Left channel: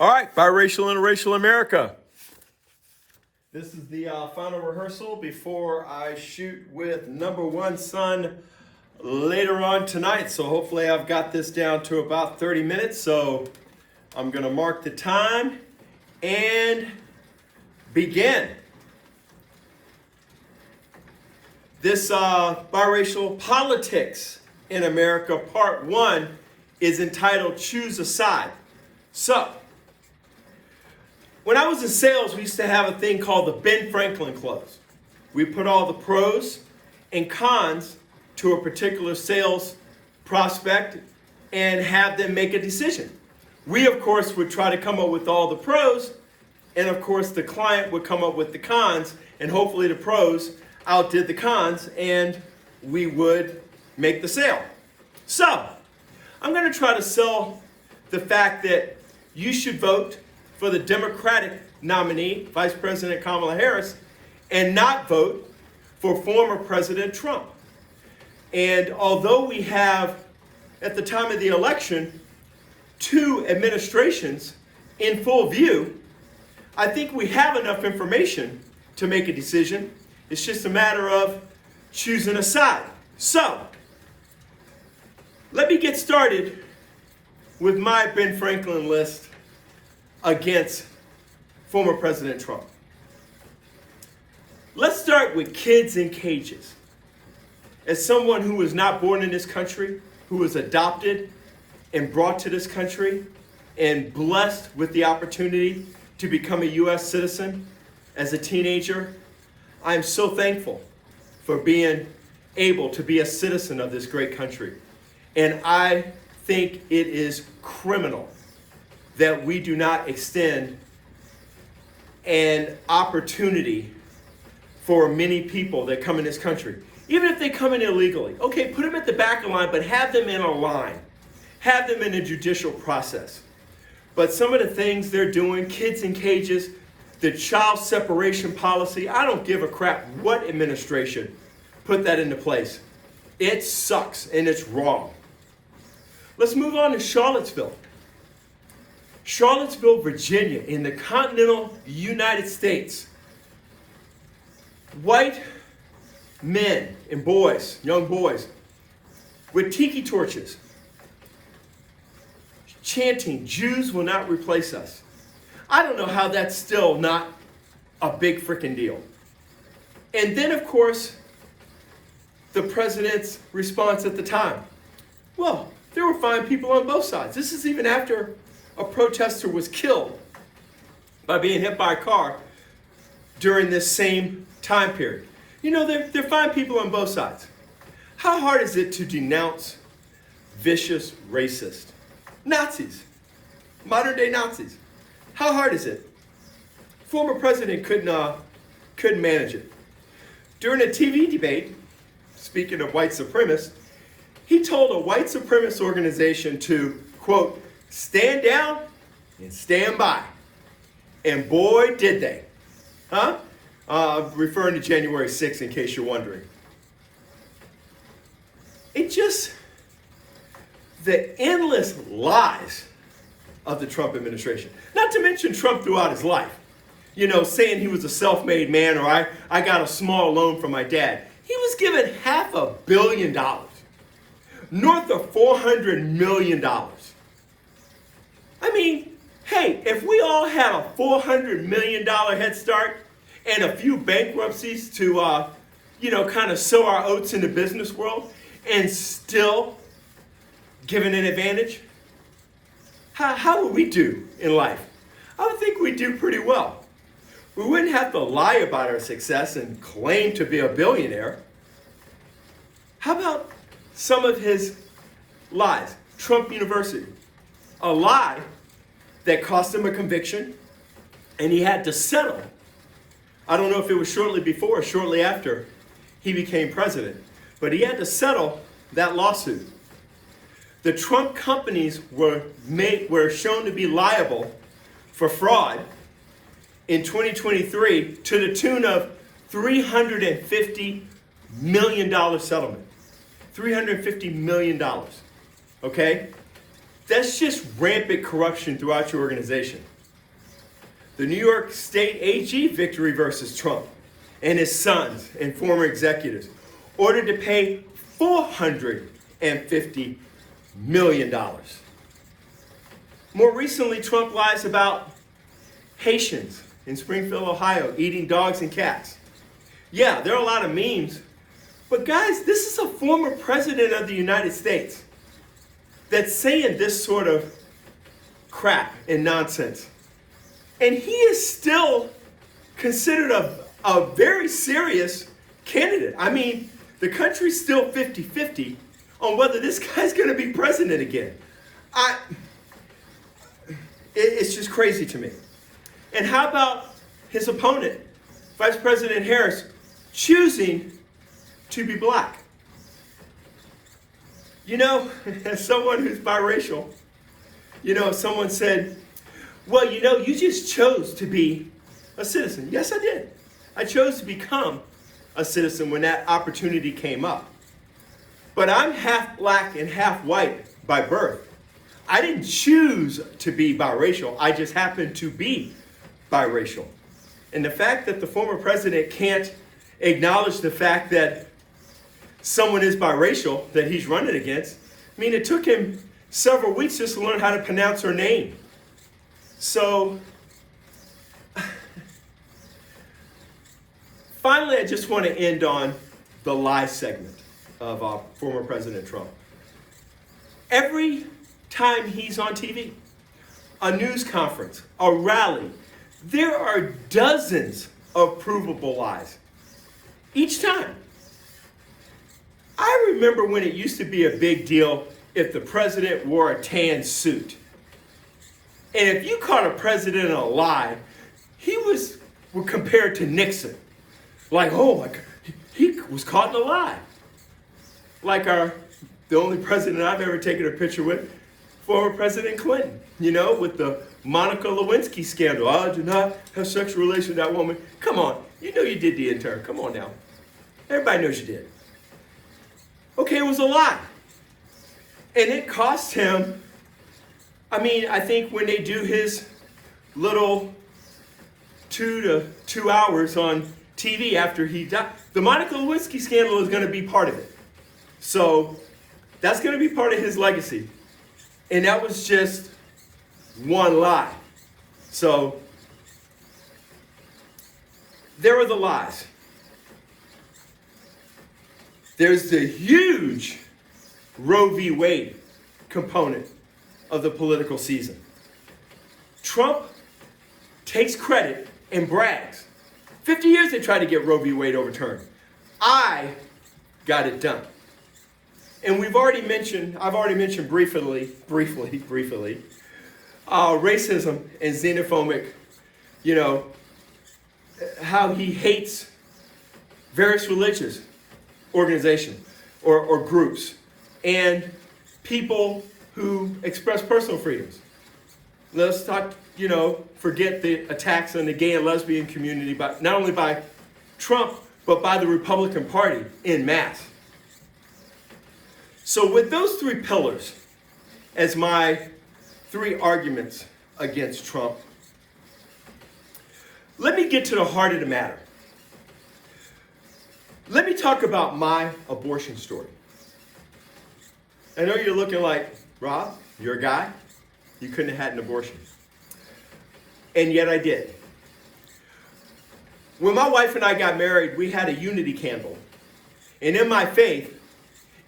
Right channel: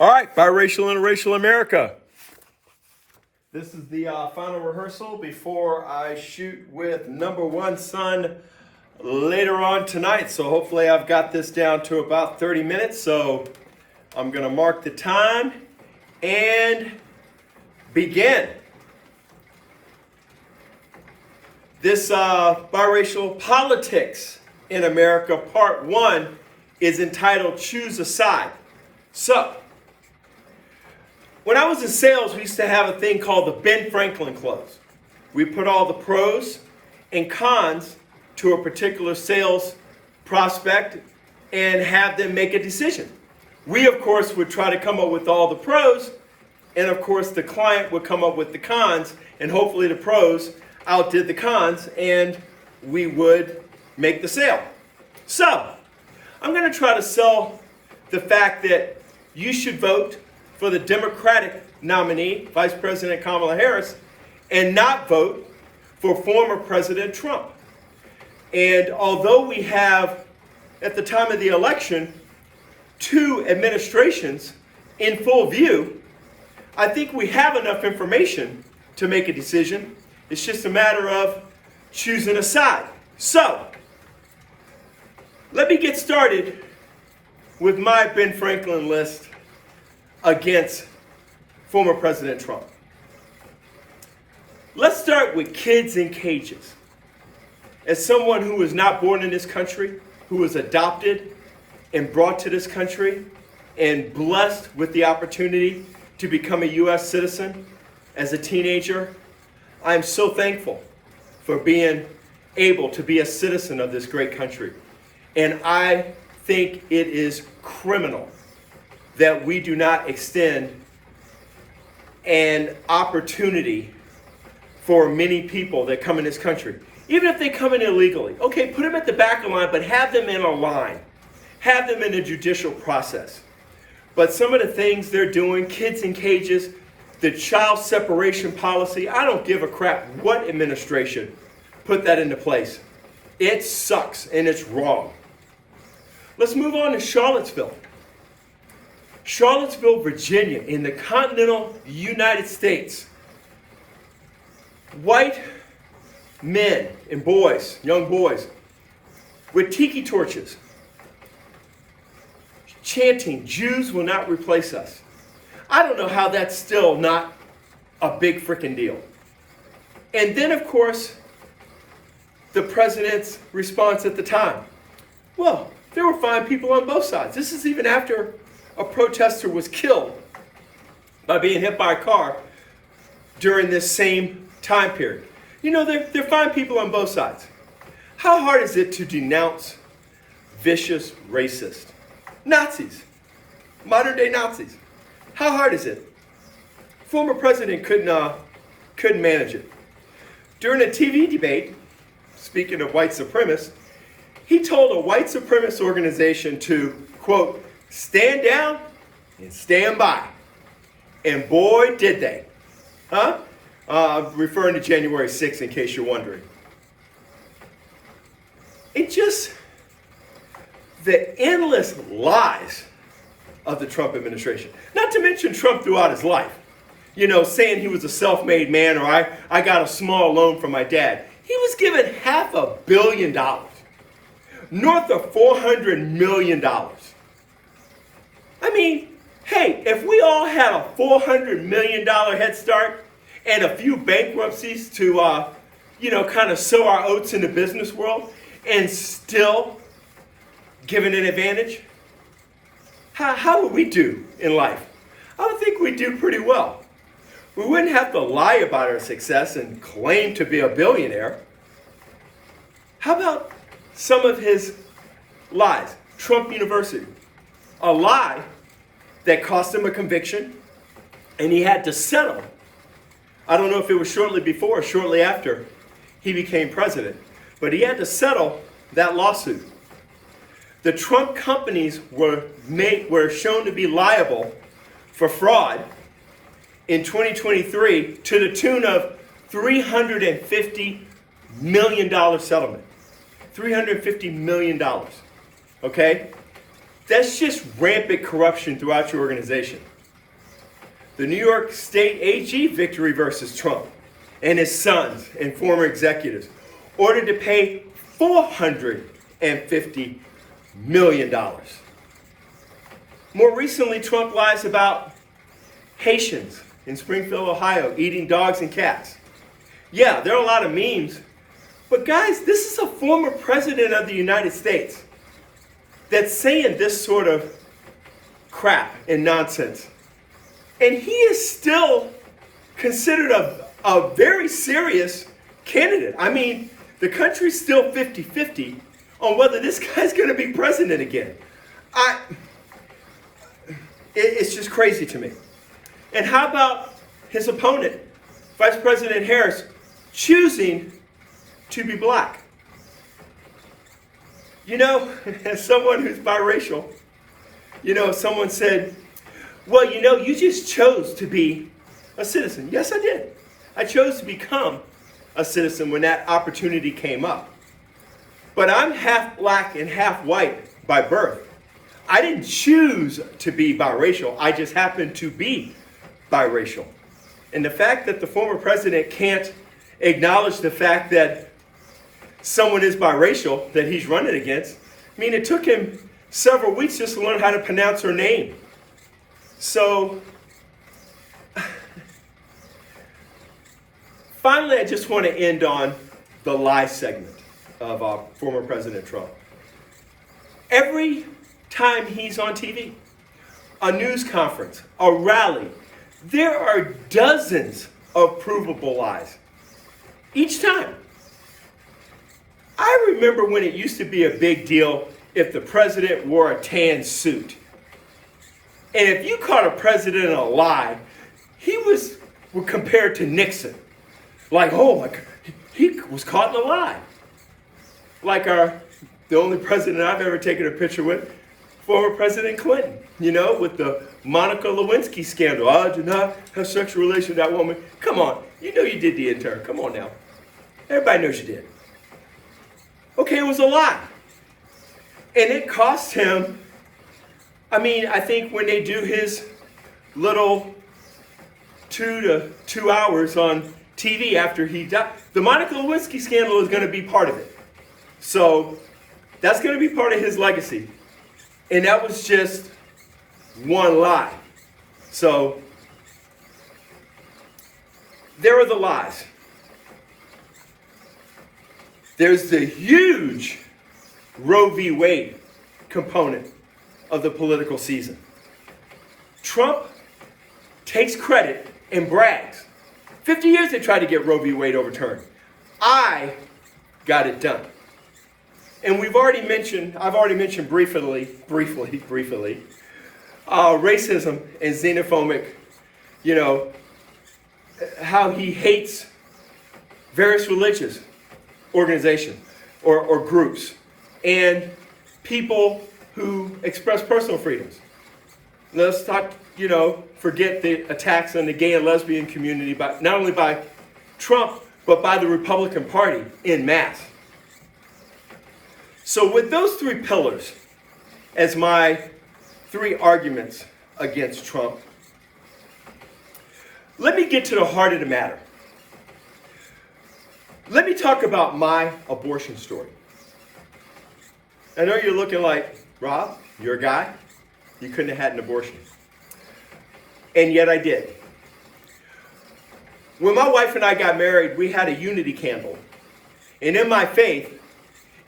All right, Biracial, Interracial America. This is the final rehearsal before I shoot with number one son later on tonight. So hopefully I've got this down to about 30 minutes. So I'm going to mark the time and begin. This Biracial Politics in America, Part 1, is entitled Choose a Side. So, when I was in sales, we used to have a thing called the Ben Franklin Clause. We put all the pros and cons to a particular sales prospect and have them make a decision. We, of course, would try to come up with all the pros, and of course, the client would come up with the cons, and hopefully the pros outdid the cons, and we would make the sale. So, I'm going to try to sell the fact that you should vote for the Democratic nominee, Vice President Kamala Harris, and not vote for former President Trump. And although we have, at the time of the election, two administrations in full view, I think we have enough information to make a decision. It's just a matter of choosing a side. So, let me get started with my Ben Franklin list against former President Trump. Let's start with kids in cages. As someone who was not born in this country, who was adopted and brought to this country and blessed with the opportunity to become a U.S. citizen as a teenager, I'm so thankful for being able to be a citizen of this great country. And I think it is criminal that we do not extend an opportunity for many people that come in this country. Even if they come in illegally, okay, put them at the back of the line, but have them in a line. Have them in a judicial process. But some of the things they're doing, kids in cages, the child separation policy, I don't give a crap what administration put that into place. It sucks and it's wrong. Let's move on to Charlottesville. Charlottesville, Virginia, in the continental United States. White men and boys, young boys, with tiki torches, chanting, "Jews will not replace us." I don't know how that's still not a big freaking deal. And then, of course, the president's response at the time. Well, there were fine people on both sides. This is even after a protester was killed by being hit by a car during this same time period. You know, they're fine people on both sides. How hard is it to denounce vicious racists? Nazis, modern day Nazis. How hard is it? Former president couldn't manage it. During a TV debate, speaking of white supremacists, he told a white supremacist organization to, quote, stand down and stand by. And boy, did they. Huh? Referring to January 6th, in case you're wondering. It just, the endless lies of the Trump administration. Not to mention Trump throughout his life. You know, saying he was a self-made man, or I got a small loan from my dad. He was given $500 million. North of $400 million. I mean, hey, if we all had a $400 million head start and a few bankruptcies to, kind of sow our oats in the business world and still given an advantage, how would we do in life? I would think we'd do pretty well. We wouldn't have to lie about our success and claim to be a billionaire. How about some of his lies? Trump University. A lie that cost him a conviction, and he had to settle. I don't know if it was shortly before or shortly after he became president, but he had to settle that lawsuit. The Trump companies were shown to be liable for fraud in 2023 to the tune of $350 million settlement. $350 million. Okay? That's just rampant corruption throughout your organization. The New York State AG victory versus Trump and his sons and former executives ordered to pay $450 million. More recently, Trump lies about Haitians in Springfield, Ohio, eating dogs and cats. Yeah, there are a lot of memes, but guys, this is a former president of the United States that's saying this sort of crap and nonsense. And he is still considered a very serious candidate. I mean, the country's still 50-50 on whether this guy's going to be president again. It's just crazy to me. And how about his opponent, Vice President Harris, choosing to be black? You know, as someone who's biracial, someone said, well, you just chose to be a citizen. Yes, I did. I chose to become a citizen when that opportunity came up. But I'm half black and half white by birth. I didn't choose to be biracial. I just happened to be biracial. And the fact that the former president can't acknowledge the fact that someone is biracial that he's running against, I mean, it took him several weeks just to learn how to pronounce her name. So, finally, I just want to end on the lie segment of former President Trump. Every time he's on TV, a news conference, a rally, there are dozens of provable lies. Each time. I remember when it used to be a big deal if the president wore a tan suit. And if you caught a president in a lie, he was compared to Nixon. Like, oh my God, he was caught in a lie. Like the only president I've ever taken a picture with, former President Clinton, with the Monica Lewinsky scandal. I did not have sexual relations with that woman. Come on, you did the intern. Come on now. Everybody knows you did. Okay, it was a lie. And it cost him, I think when they do his little 2 hours on TV after he died, the Monica Lewinsky scandal is going to be part of it. So that's going to be part of his legacy. And that was just one lie. So there are the lies. There's the huge Roe v. Wade component of the political season. Trump takes credit and brags. 50 years they tried to get Roe v. Wade overturned. I got it done. And I've already mentioned briefly, racism and xenophobic, how he hates various religious organizations or groups and people who express personal freedoms. Let's not, forget the attacks on the gay and lesbian community, not only by Trump, but by the Republican Party en masse. So with those three pillars as my three arguments against Trump, let me get to the heart of the matter. Let me talk about my abortion story. I know you're looking like, Rob, you're a guy. You couldn't have had an abortion. And yet I did. When my wife and I got married, we had a unity candle. And in my faith,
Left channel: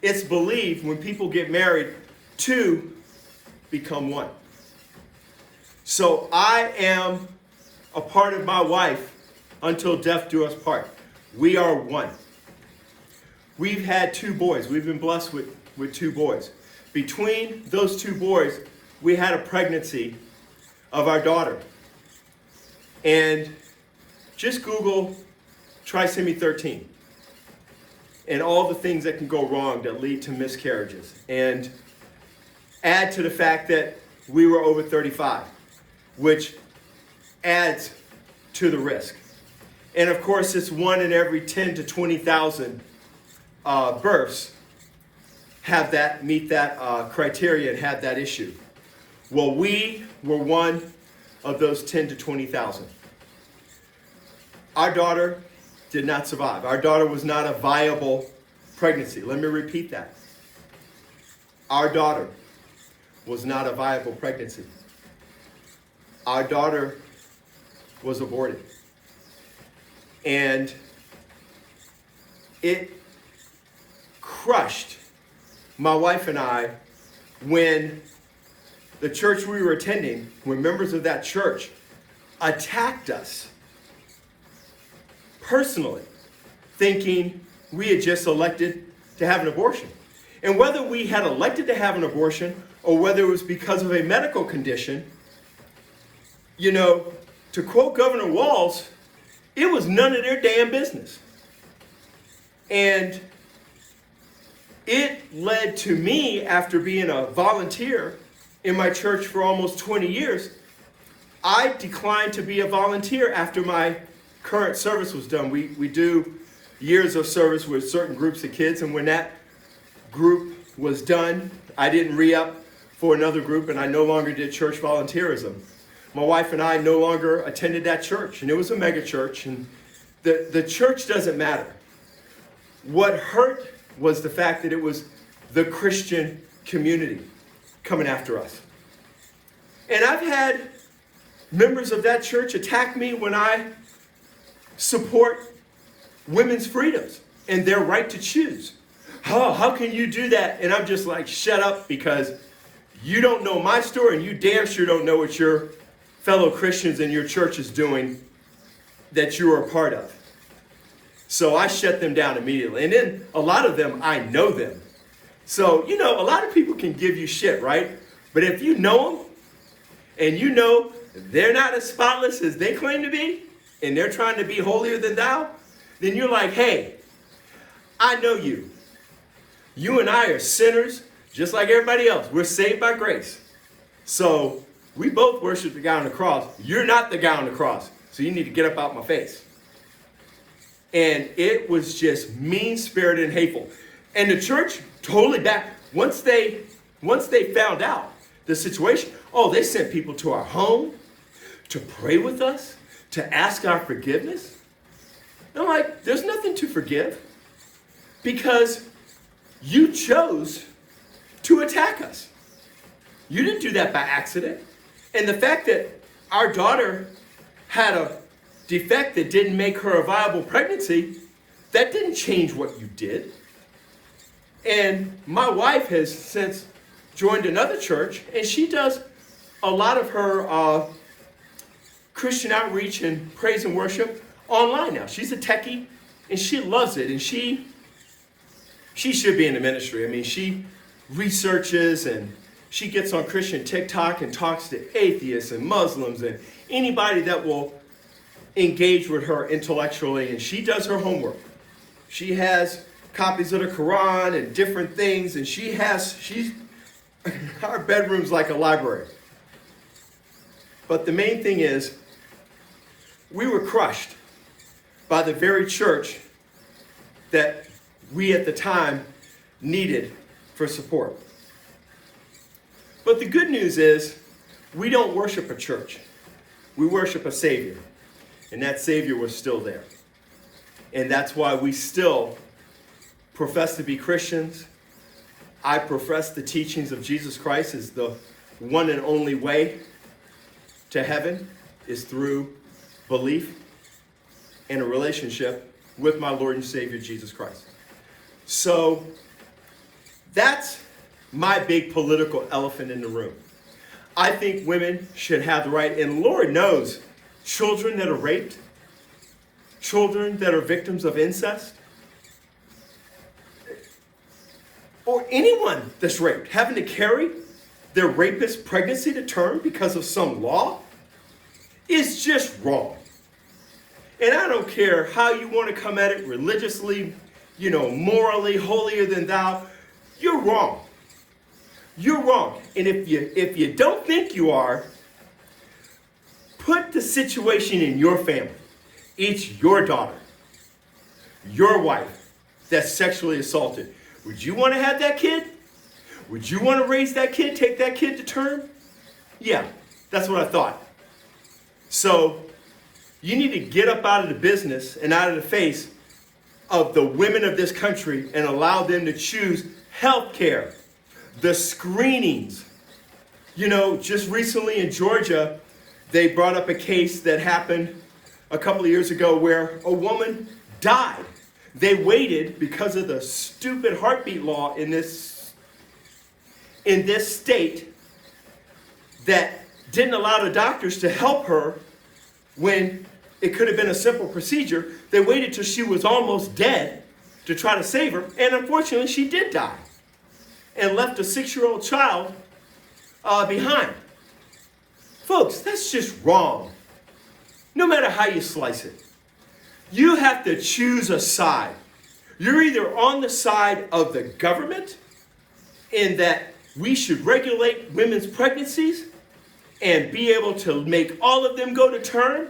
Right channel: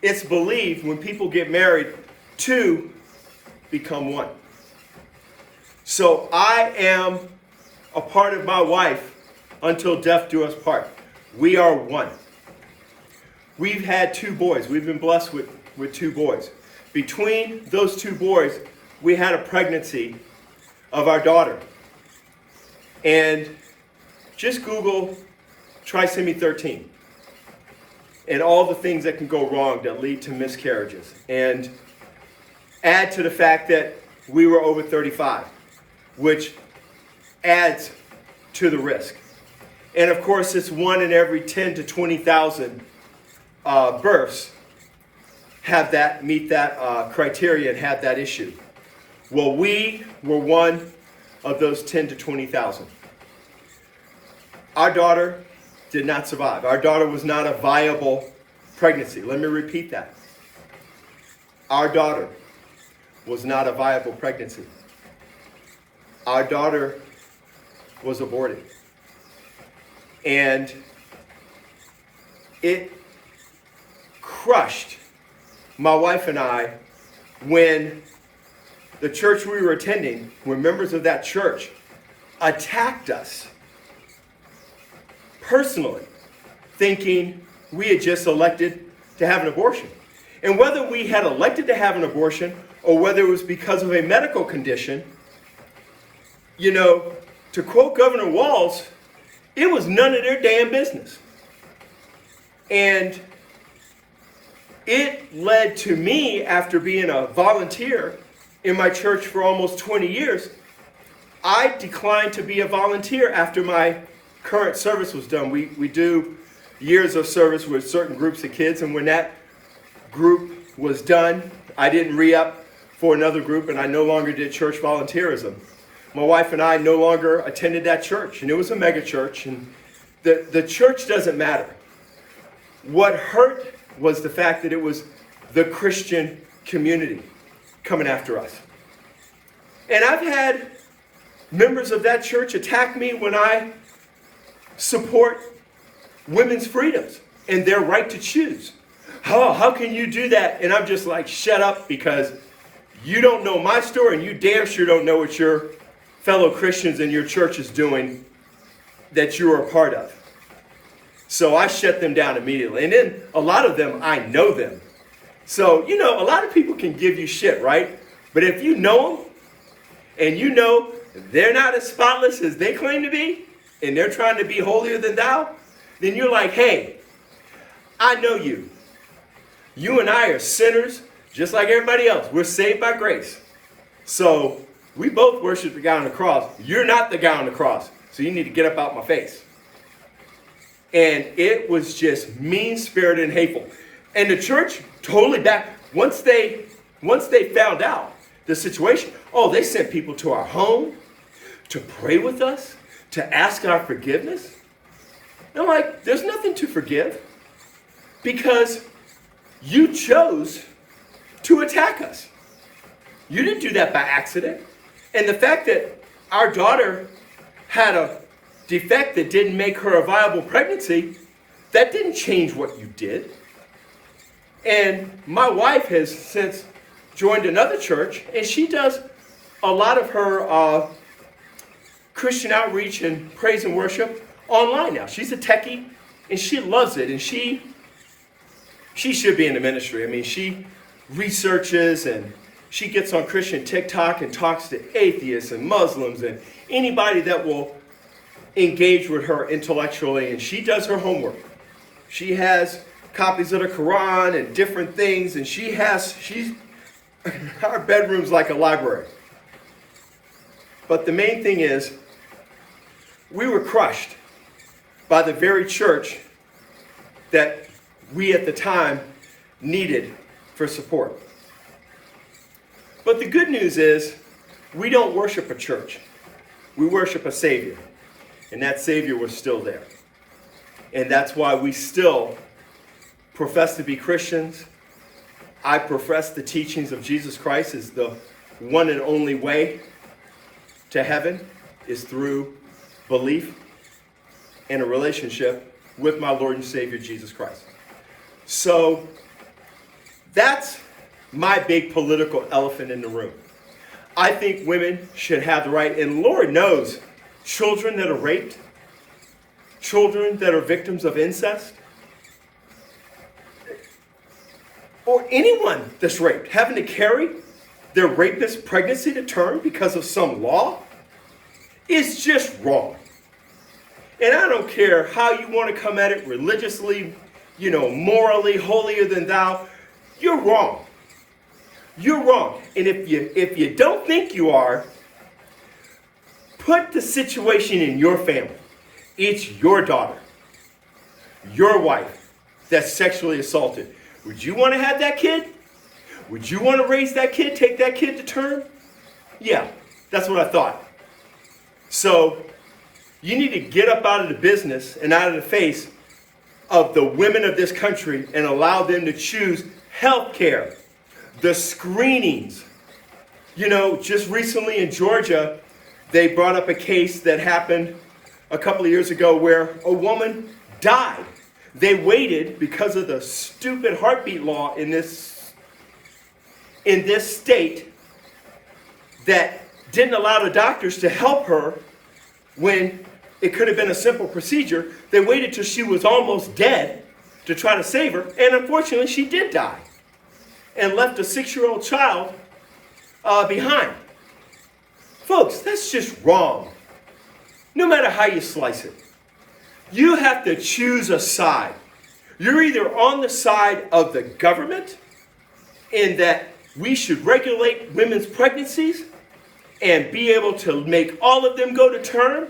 it's believed when people get married, two become one. So I am a part of my wife until death do us part. We are one. We've had 2 boys. We've been blessed with 2 boys. Between those 2 boys, we had a pregnancy of our daughter. And just Google trisomy 13 and all the things that can go wrong that lead to miscarriages. And add to the fact that we were over 35, which adds to the risk. And of course, it's 1 in every 10 to 20,000 births meet that criteria and have that issue. Well, we were one of those 10 to 20,000. Our daughter did not survive. Our daughter was not a viable pregnancy. Let me repeat that. Our daughter was not a viable pregnancy. Our daughter was aborted. And it crushed my wife and I when the church we were attending, when members of that church attacked us personally, thinking we had just elected to have an abortion. And whether we had elected to have an abortion or whether it was because of a medical condition, to quote Governor Walz, it was none of their damn business. And it led to me, after being a volunteer in my church for almost 20 years, I declined to be a volunteer after my current service was done. We do years of service with certain groups of kids, and when that group was done, I didn't re-up for another group, and I no longer did church volunteerism. My wife and I no longer attended that church, and it was a mega church, and the church doesn't matter. What hurt was the fact that it was the Christian community coming after us. And I've had members of that church attack me when I support women's freedoms and their right to choose. Oh, how can you do that? And I'm just like, shut up, because you don't know my story, and you damn sure don't know what your fellow Christians in your church is doing that you are a part of. So I shut them down immediately. And then a lot of them, I know them. So, a lot of people can give you shit, right? But if you know them and you know they're not as spotless as they claim to be, and they're trying to be holier than thou, then you're like, hey, I know you. You and I are sinners just like everybody else. We're saved by grace. So we both worship the guy on the cross. You're not the guy on the cross. So you need to get up out my face. And it was just mean-spirited and hateful. And the church totally back. Once they found out the situation, they sent people to our home to pray with us, to ask our forgiveness. And I'm like, there's nothing to forgive, because you chose to attack us. You didn't do that by accident. And the fact that our daughter had a defect that didn't make her a viable pregnancy, that didn't change what you did. And my wife has since joined another church, and she does a lot of her Christian outreach and praise and worship online now. She's a techie, and she loves it, and she should be in the ministry. I mean, she researches, and she gets on Christian TikTok and talks to atheists and Muslims and anybody that will engage with her intellectually, and she does her homework. She has copies of the Quran and different things, and our bedroom's like a library. But the main thing is, we were crushed by the very church that we at the time needed for support. But the good news is, we don't worship a church. We worship a Savior. And that Savior was still there. And that's why we still profess to be Christians. I profess the teachings of Jesus Christ as the one and only way to heaven is through belief and a relationship with my Lord and Savior, Jesus Christ. So that's my big political elephant in the room. I think women should have the right, and Lord knows, children that are raped, children that are victims of incest, or anyone that's raped, having to carry their rapist pregnancy to term because of some law, is just wrong. And I don't care how you want to come at it religiously, morally, holier than thou, you're wrong. You're wrong. And if you don't think you are, put the situation in your family. It's your daughter, your wife that's sexually assaulted. Would you want to have that kid? Would you want to raise that kid, take that kid to term? Yeah, that's what I thought. So you need to get up out of the business and out of the face of the women of this country and allow them to choose health care, the screenings. You know, just recently in Georgia, they brought up a case that happened a couple of years ago where a woman died. They waited because of the stupid heartbeat law in this state that didn't allow the doctors to help her when it could have been a simple procedure. They waited till she was almost dead to try to save her, and unfortunately she did die and left a 6-year-old child behind. Folks, that's just wrong. No matter how you slice it. You have to choose a side. You're either on the side of the government in that we should regulate women's pregnancies and be able to make all of them go to term,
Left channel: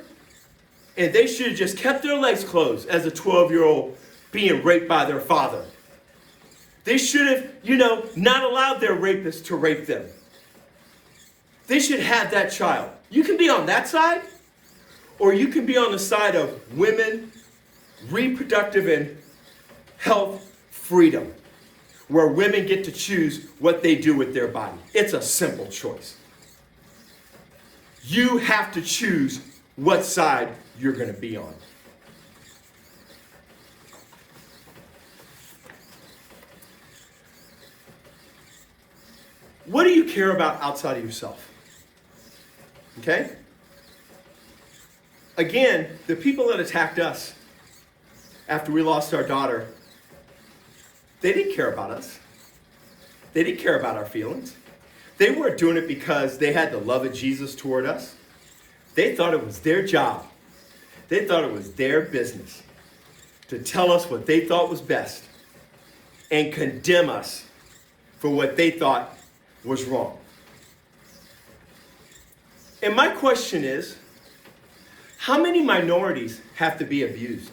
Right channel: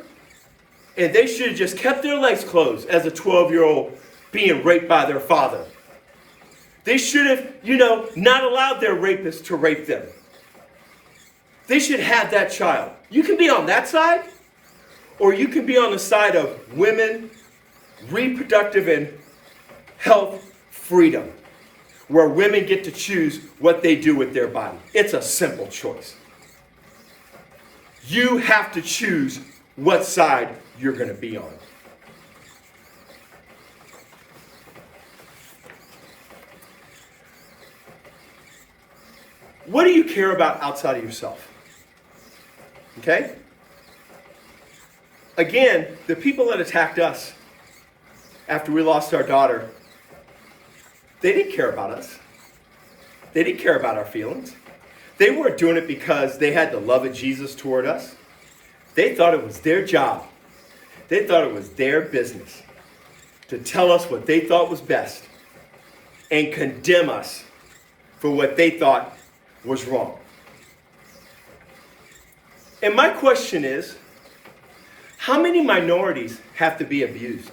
and they should have just kept their legs closed as a 12-year-old being raped by their father. They should have, not allowed their rapists to rape them. They should have that child. You can be on that side, or you can be on the side of women, reproductive and health freedom, where women get to choose what they do with their body. It's a simple choice. You have to choose what side you're going to be on. What do you care about outside of yourself? Okay? Again, the people that attacked us after we lost our daughter, they didn't care about us. They didn't care about our feelings. They weren't doing it because they had the love of Jesus toward us. They thought it was their job. They thought it was their business to tell us what they thought was best and condemn us for what they thought was wrong. And my question is, how many minorities have to be abused?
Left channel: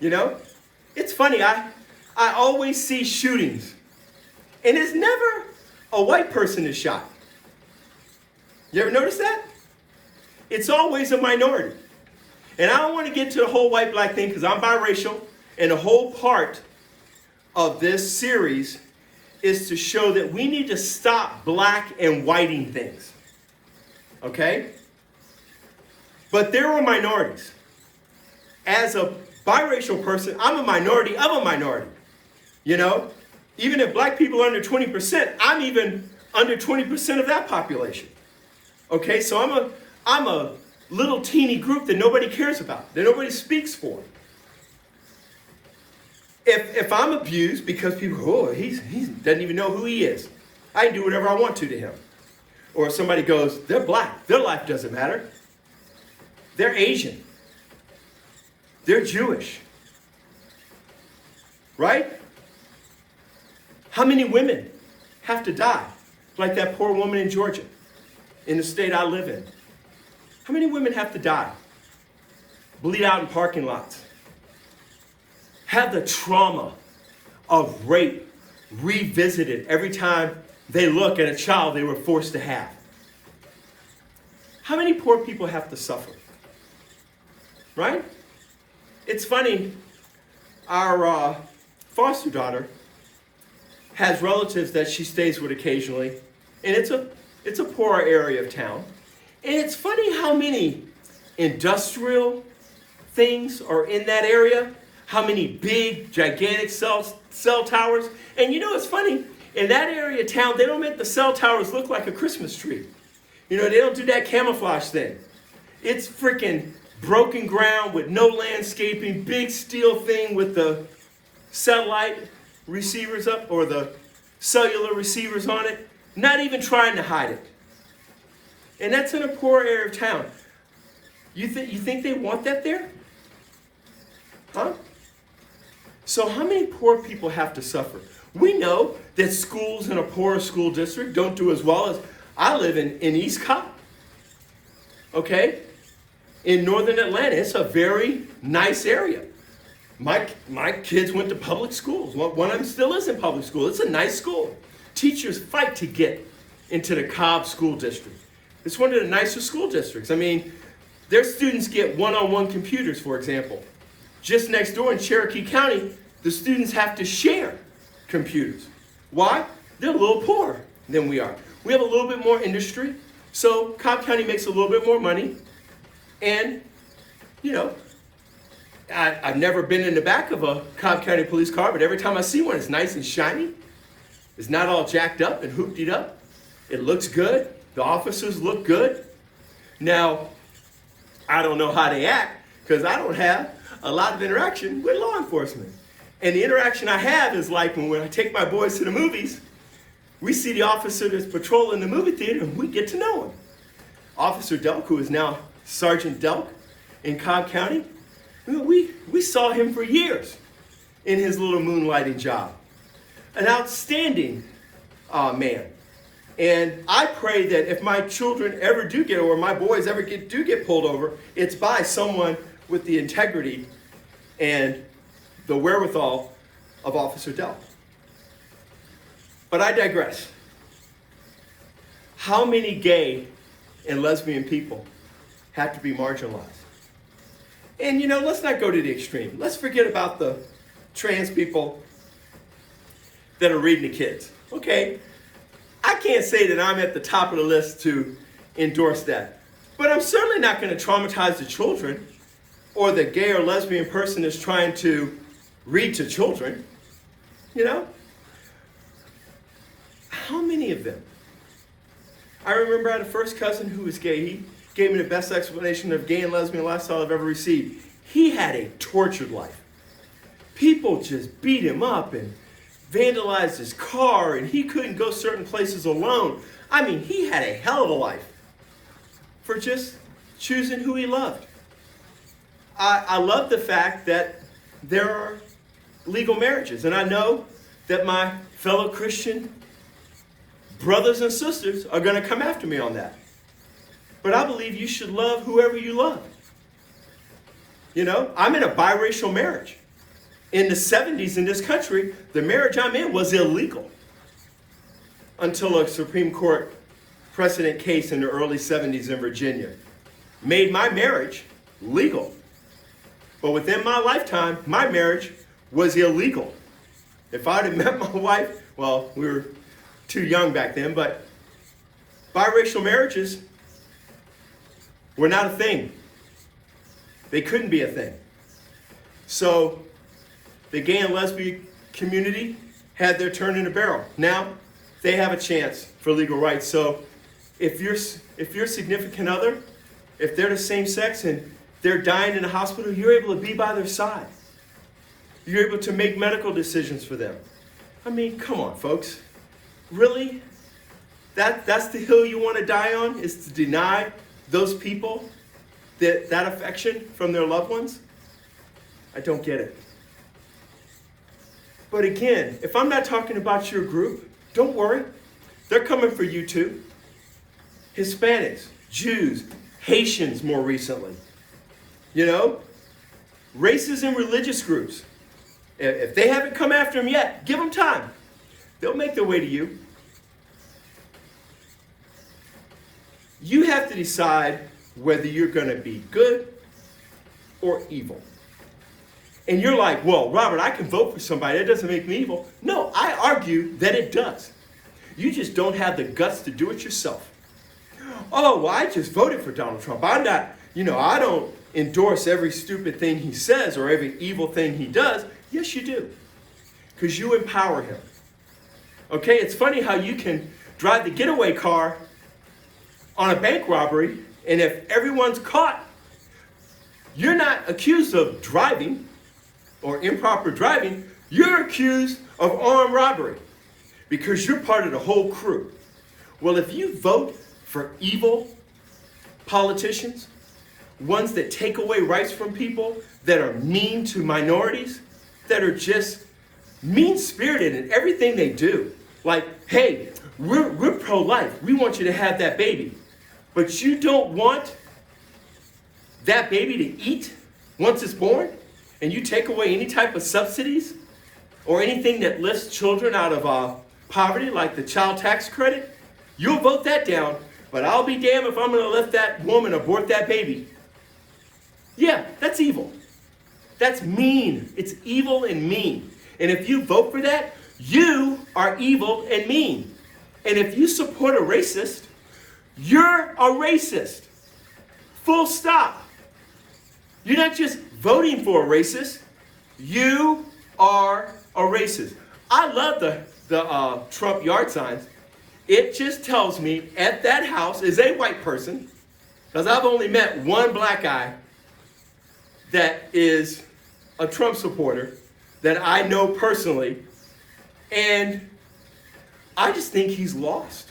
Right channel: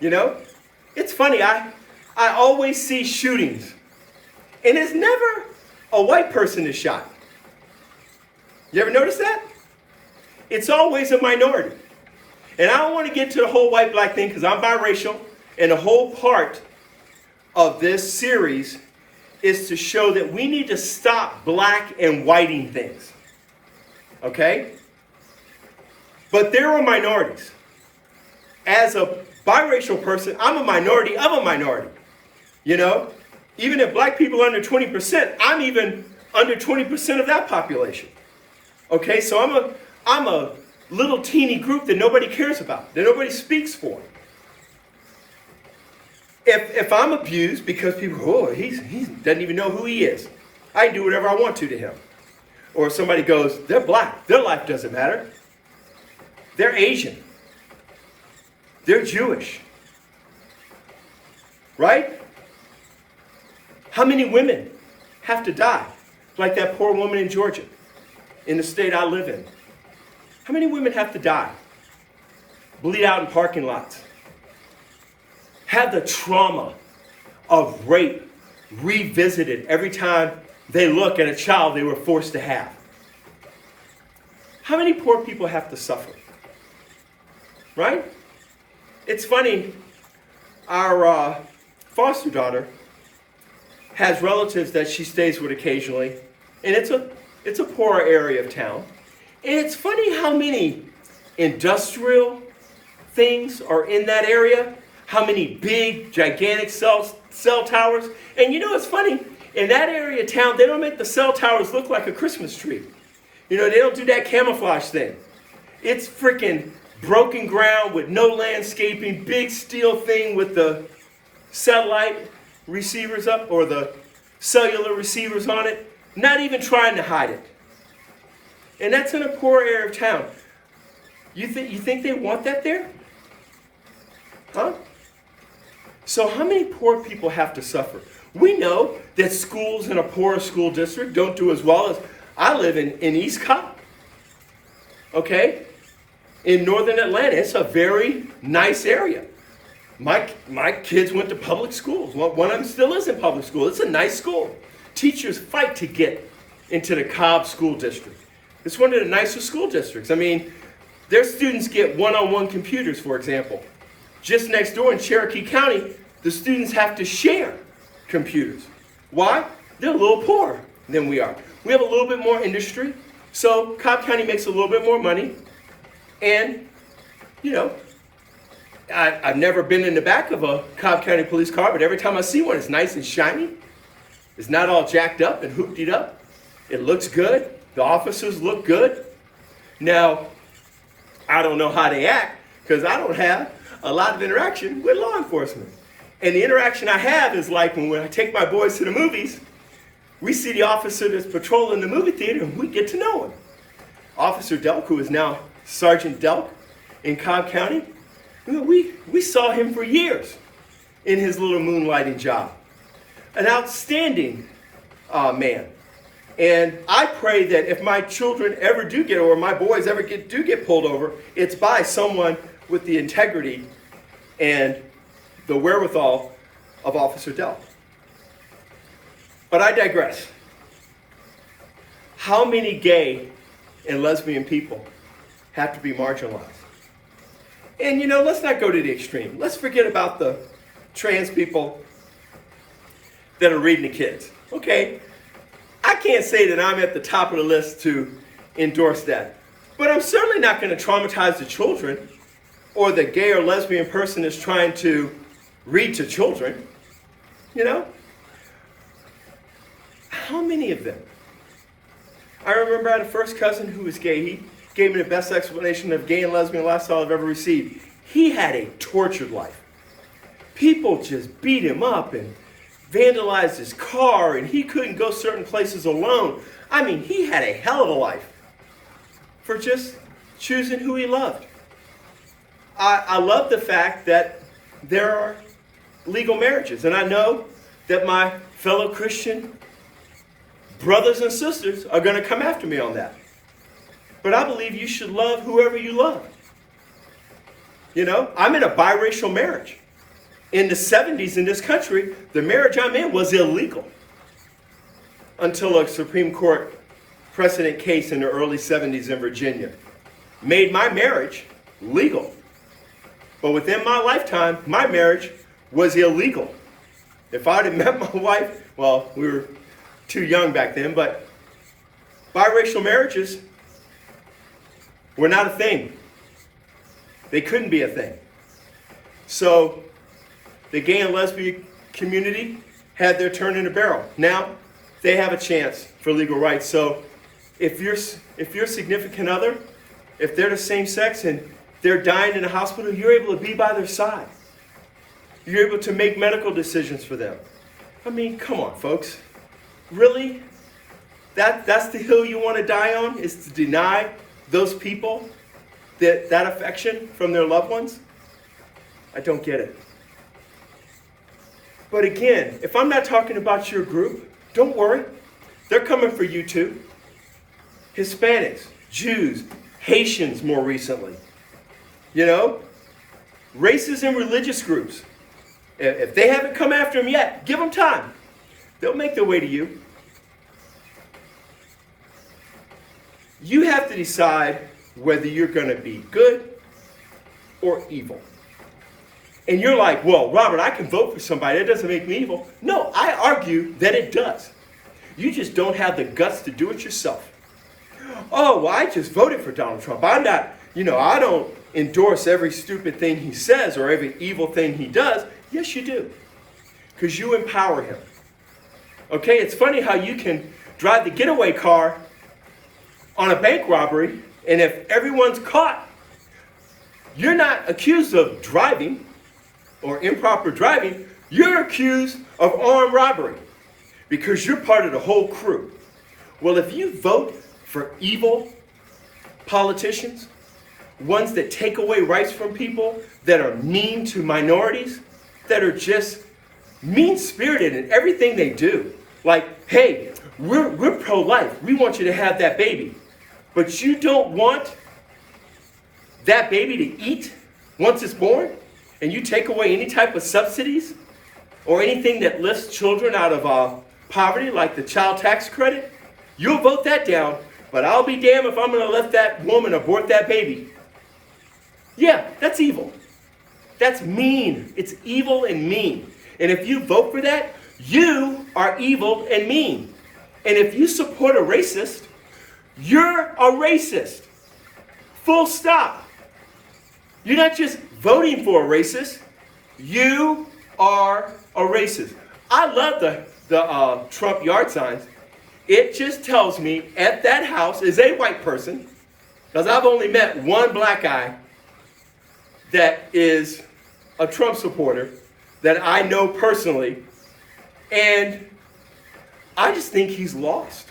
It's funny, I always see shootings, and it's never a white person is shot. You ever notice that? It's always a minority. And I don't want to get to the whole white-black thing because I'm biracial, and the whole part of this series is to show that we need to stop black and whiting things. Okay? But there are minorities. As a biracial person, I'm a minority of a minority. Even if black people are under 20%, I'm even under 20% of that population. Okay, so I'm a little teeny group that nobody cares about, that nobody speaks for. If I'm abused because people, he doesn't even know who he is, I can do whatever I want to him. Or somebody goes, they're black, their life doesn't matter. They're Asian. They're Jewish. Right? How many women have to die? Like that poor woman in Georgia, in the state I live in. How many women have to die? Bleed out in parking lots. Have the trauma of rape revisited every time they look at a child they were forced to have. How many poor people have to suffer? Right? It's funny, our foster daughter has relatives that she stays with occasionally, and it's a poor area of town. And it's funny how many industrial things are in that area, how many big, gigantic cell towers. And it's funny, in that area of town, they don't make the cell towers look like a Christmas tree. They don't do that camouflage thing. It's freaking broken ground with no landscaping, big steel thing with the satellite receivers up or the cellular receivers on it, not even trying to hide it. And that's in a poor area of town. You think they want that there? Huh? So how many poor people have to suffer? We know that schools in a poor school district don't do as well as I live in East Cobb. Okay? In northern Atlanta, it's a very nice area. My kids went to public schools. One of them still is in public school. It's a nice school. Teachers fight to get into the Cobb School District. It's one of the nicer school districts. I mean, their students get one-on-one computers, for example. Just next door in Cherokee County, the students have to share computers. Why? They're a little poorer than we are. We have a little bit more industry, so Cobb County makes a little bit more money. And, you know, I've never been in the back of a Cobb County police car, but every time I see one, it's nice and shiny. It's not all jacked up and hooptied up. It looks good. The officers look good. Now, I don't know how they act because I don't have a lot of interaction with law enforcement. And the interaction I have is like when I take my boys to the movies, we see the officer that's patrolling the movie theater and we get to know him. Officer Delk, who is now Sergeant Delk in Cobb County, we saw him for years in his little moonlighting job. An outstanding man. And I pray that if my children ever do get, or my boys ever do get pulled over, it's by someone with the integrity and the wherewithal of Officer Delk. But I digress. How many gay and lesbian people have to be marginalized? And you know, let's not go to the extreme. Let's forget about the trans people that are reading the kids. Okay, I can't say that I'm at the top of the list to endorse that. But I'm certainly not going to traumatize the children or the gay or lesbian person that's trying to read to children. You know? How many of them? I remember I had a first cousin who was gay. He gave me the best explanation of gay and lesbian lifestyle I've ever received. He had a tortured life. People just beat him up and vandalized his car, and he couldn't go certain places alone. I mean, he had a hell of a life for just choosing who he loved. I love the fact that there are legal marriages, and I know that my fellow Christian brothers and sisters are going to come after me on that. But I believe you should love whoever you love. You know, I'm in a biracial marriage. In the 70s in this country, the marriage I'm in was illegal until a Supreme Court precedent case in the early 70s in Virginia made my marriage legal. But within my lifetime, my marriage was illegal. If I'd have met my wife, well, we were too young back then, but biracial marriages were not a thing. They couldn't be a thing. So the gay and lesbian community had their turn in the barrel. Now they have a chance for legal rights. So if your significant other, if they're the same sex and they're dying in a hospital, you're able to be by their side. You're able to make medical decisions for them. I mean, come on, folks. Really? That's the hill you want to die on, is to deny those people that affection from their loved ones? I don't get it. But again, if I'm not talking about your group, don't worry. They're coming for you too. Hispanics, Jews, Haitians more recently. You know, races and religious groups. If they haven't come after them yet, give them time. They'll make their way to you. You have to decide whether you're going to be good or evil. And you're like, well, Robert, I can vote for somebody. That doesn't make me evil. No, I argue that it does. You just don't have the guts to do it yourself. Oh, well, I just voted for Donald Trump. I'm not, I don't endorse every stupid thing he says or every evil thing he does. Yes, you do. Because you empower him. Okay, it's funny how you can drive the getaway car on a bank robbery, and if everyone's caught, you're not accused of driving or improper driving. You're accused of armed robbery because you're part of the whole crew. Well, if you vote for evil politicians, ones that take away rights from people, that are mean to minorities, that are just mean-spirited in everything they do. Like, hey, we're pro-life. We want you to have that baby. But you don't want that baby to eat once it's born? And you take away any type of subsidies or anything that lifts children out of poverty, like the child tax credit? You'll vote that down, but I'll be damned if I'm going to let that woman abort that baby. Yeah, that's evil. That's mean. It's evil and mean. And if you vote for that, you are evil and mean. And if you support a racist, you're a racist. Full stop. You're not just voting for a racist. You are a racist. I love the Trump yard signs. It just tells me at that house is a white person, because I've only met one black guy that is a Trump supporter that I know personally, and I just think he's lost.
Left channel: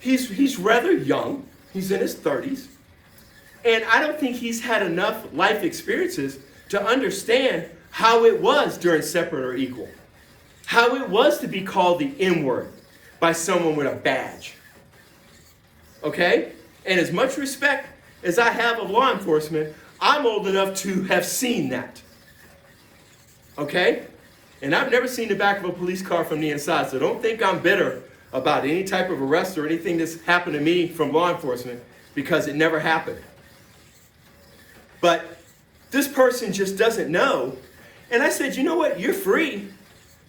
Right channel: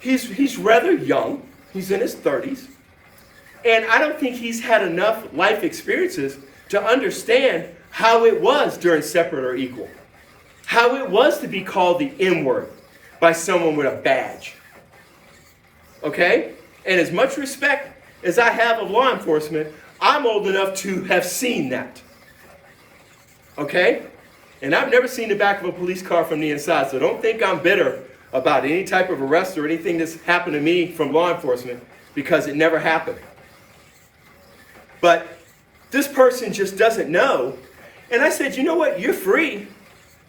He's rather young. He's in his 30s. And I don't think he's had enough life experiences to understand how it was during separate or equal. How it was to be called the N-word by someone with a badge. Okay? And as much respect as I have of law enforcement, I'm old enough to have seen that. Okay? And I've never seen the back of a police car from the inside, so don't think I'm bitter about any type of arrest or anything that's happened to me from law enforcement, because it never happened. But this person just doesn't know. And I said, you know what? You're free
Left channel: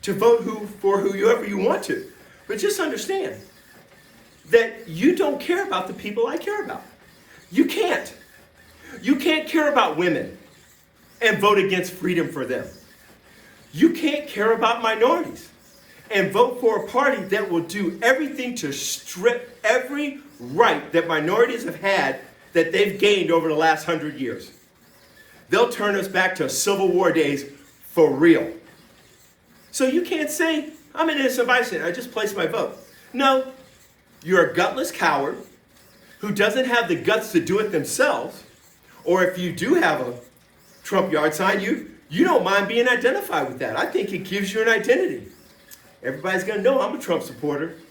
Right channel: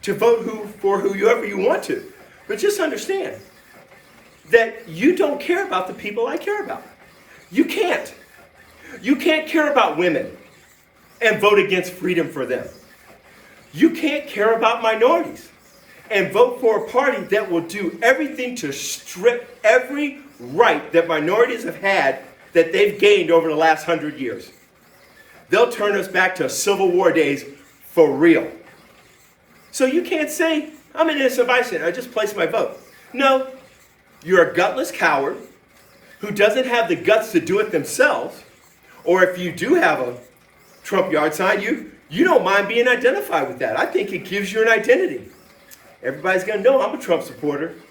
to vote for whoever you want to. But just understand that you don't care about the people I care about. You can't. You can't care about women and vote against freedom for them. You can't care about minorities and vote for a party that will do everything to strip every right that minorities have had that they've gained over the last 100 years. They'll turn us back to Civil War days for real. So you can't say, I'm an innocent bystander, I just placed my vote. No, you're a gutless coward who doesn't have the guts to do it themselves. Or if you do have a Trump yard sign, you don't mind being identified with that. I think it gives you an identity. Everybody's going to know I'm a Trump supporter.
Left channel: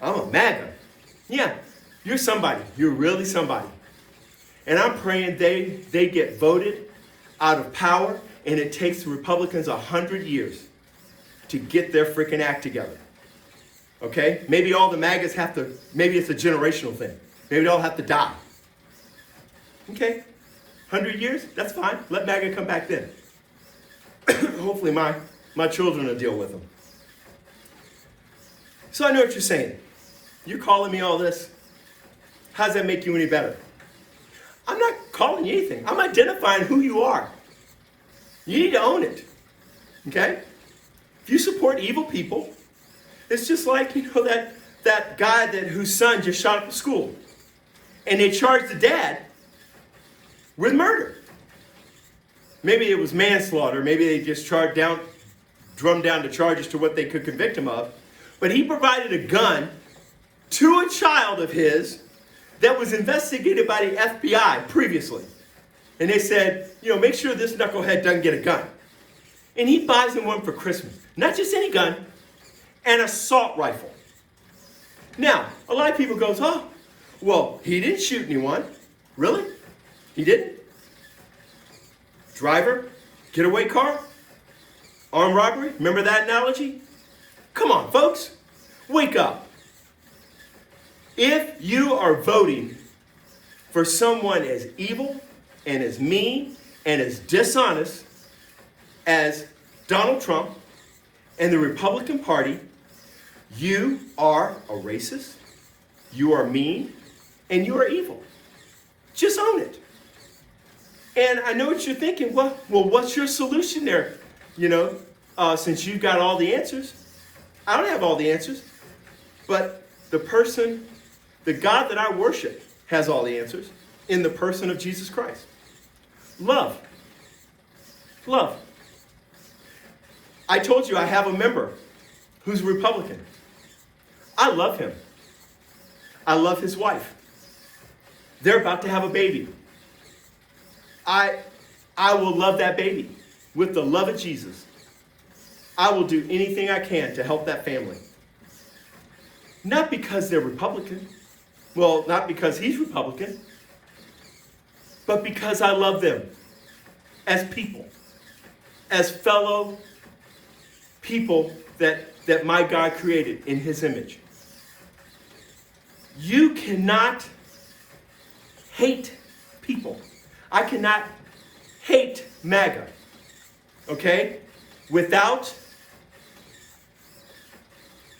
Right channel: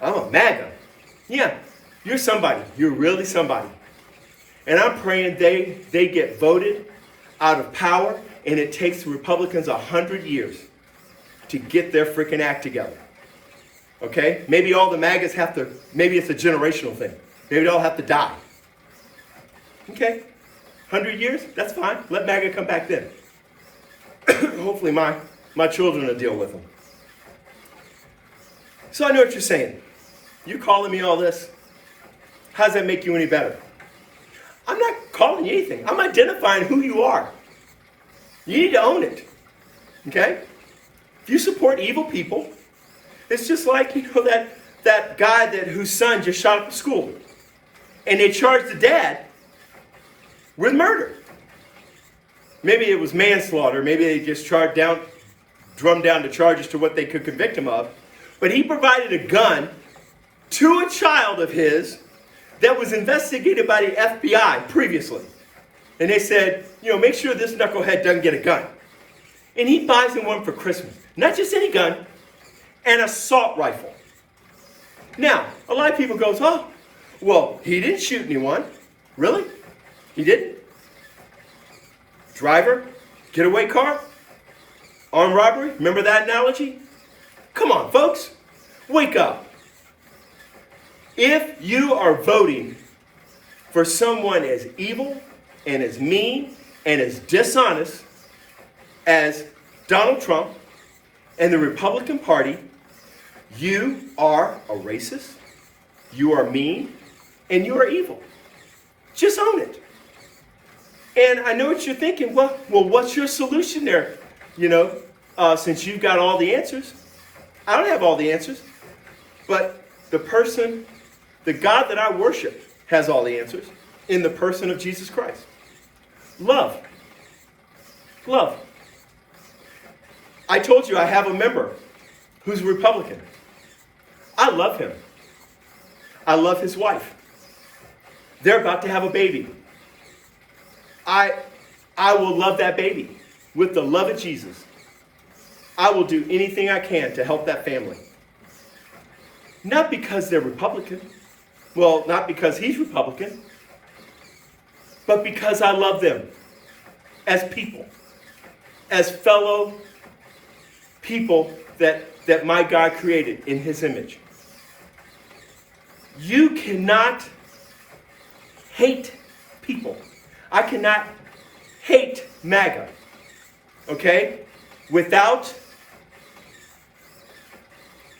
I'm a MAGA. Yeah, you're somebody. You're really somebody. And I'm praying they get voted out of power, and it takes the Republicans 100 years to get their freaking act together. Okay? Maybe all the MAGAs have to, maybe it's a generational thing. Maybe they all have to die. Okay? 100 years? That's fine. Let MAGA come back then. Hopefully my children will deal with them. So I know what you're saying. You calling me all this? How does that make you any better? I'm not calling you anything. I'm identifying who you are. You need to own it. Okay? If you support evil people, it's just like, that guy whose son just shot up the school. And they charged the dad with murder. Maybe it was manslaughter. Maybe they just drummed down the charges to what they could convict him of. But he provided a gun to a child of his that was investigated by the FBI previously. And they said, make sure this knucklehead doesn't get a gun. And he buys him one for Christmas. Not just any gun, an assault rifle. Now, a lot of people go, oh, well, he didn't shoot anyone. Really? He didn't? Driver, getaway car, armed robbery. Remember that analogy? Come on, folks. Wake up. If you are voting for someone as evil and as mean and as dishonest as Donald Trump and the Republican Party, you are a racist, you are mean, and you are evil. Just own it. And I know what you're thinking. Well, what's your solution there? Since you've got all the answers. I don't have all the answers. But the God that I worship has all the answers in the person of Jesus Christ. Love. Love. I told you I have a member who's a Republican. I love him. I love his wife. They're about to have a baby. I will love that baby with the love of Jesus. I will do anything I can to help that family. Not because they're Republican. Well, not because he's Republican. But because I love them as people. As fellow people that my God created in his image. You cannot hate people. I cannot hate MAGA. Okay?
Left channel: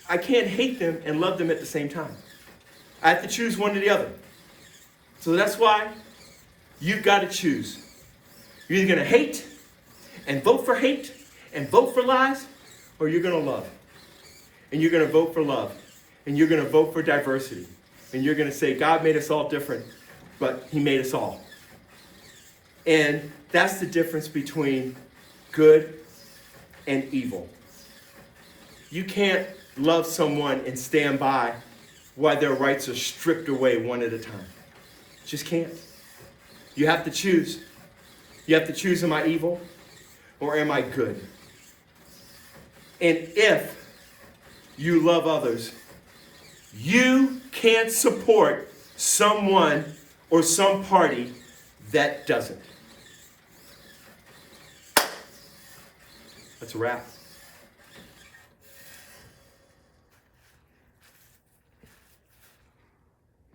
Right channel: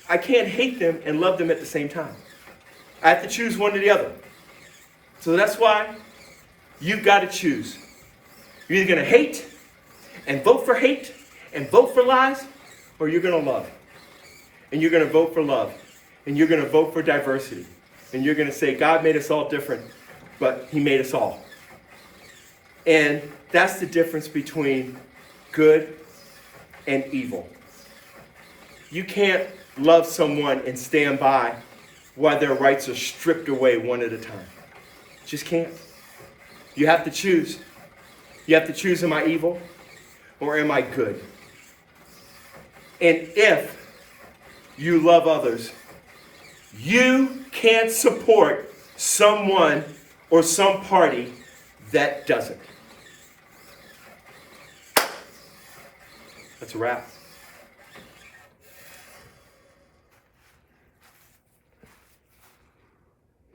I can't hate them and love them at the same time. I have to choose one or the other. So that's why you've got to choose. You're either going to hate and vote for hate and vote for lies, or you're going to love. And you're going to vote for love. And you're going to vote for diversity. And you're going to say, God made us all different, but he made us all. And that's the difference between good and evil. You can't love someone and stand by while their rights are stripped away one at a time. Just can't. You have to choose. You have to choose, am I evil or am I good? And if you love others, you can't support someone or some party that doesn't. That's a wrap.